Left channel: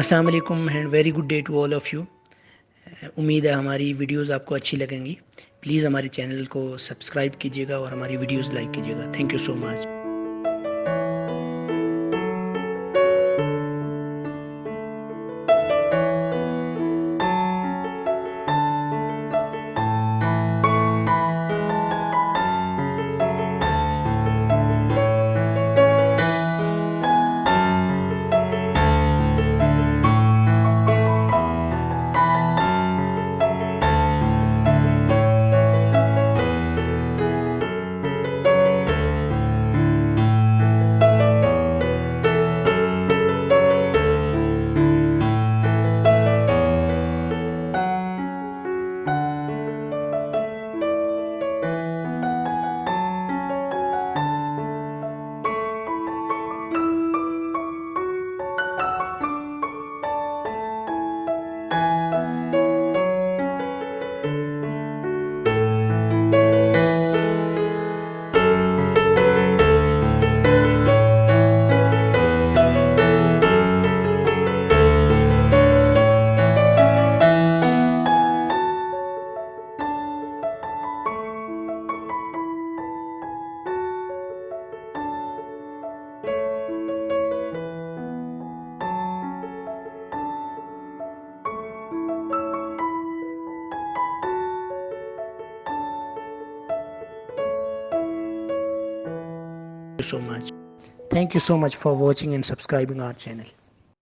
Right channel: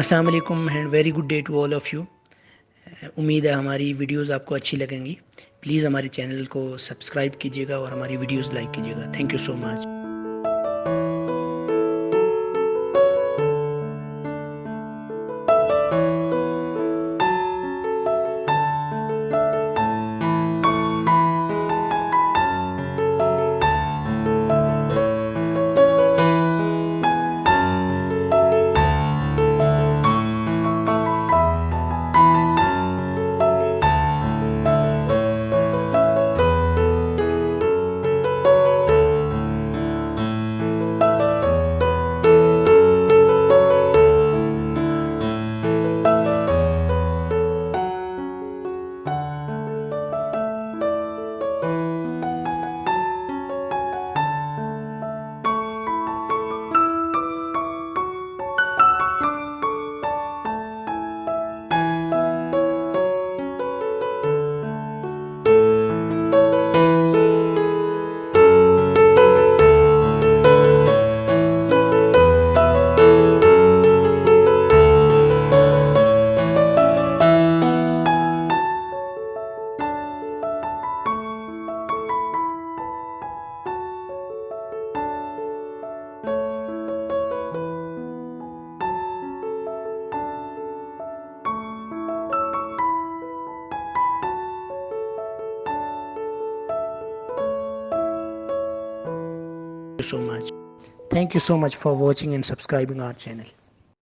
अस्सलाम वालेकुम and very good day to all of you. उम्मीद है हमारी वीडियोस आपको अच्छी लगेंगी। प्लीज़ हमारे चैनल को सब्सक्राइब कीजिएगा और हमारी वीडियोस लाइक कीजिएगा। Thank you so much. So much. Thank you so much for watching and subscribing our channel.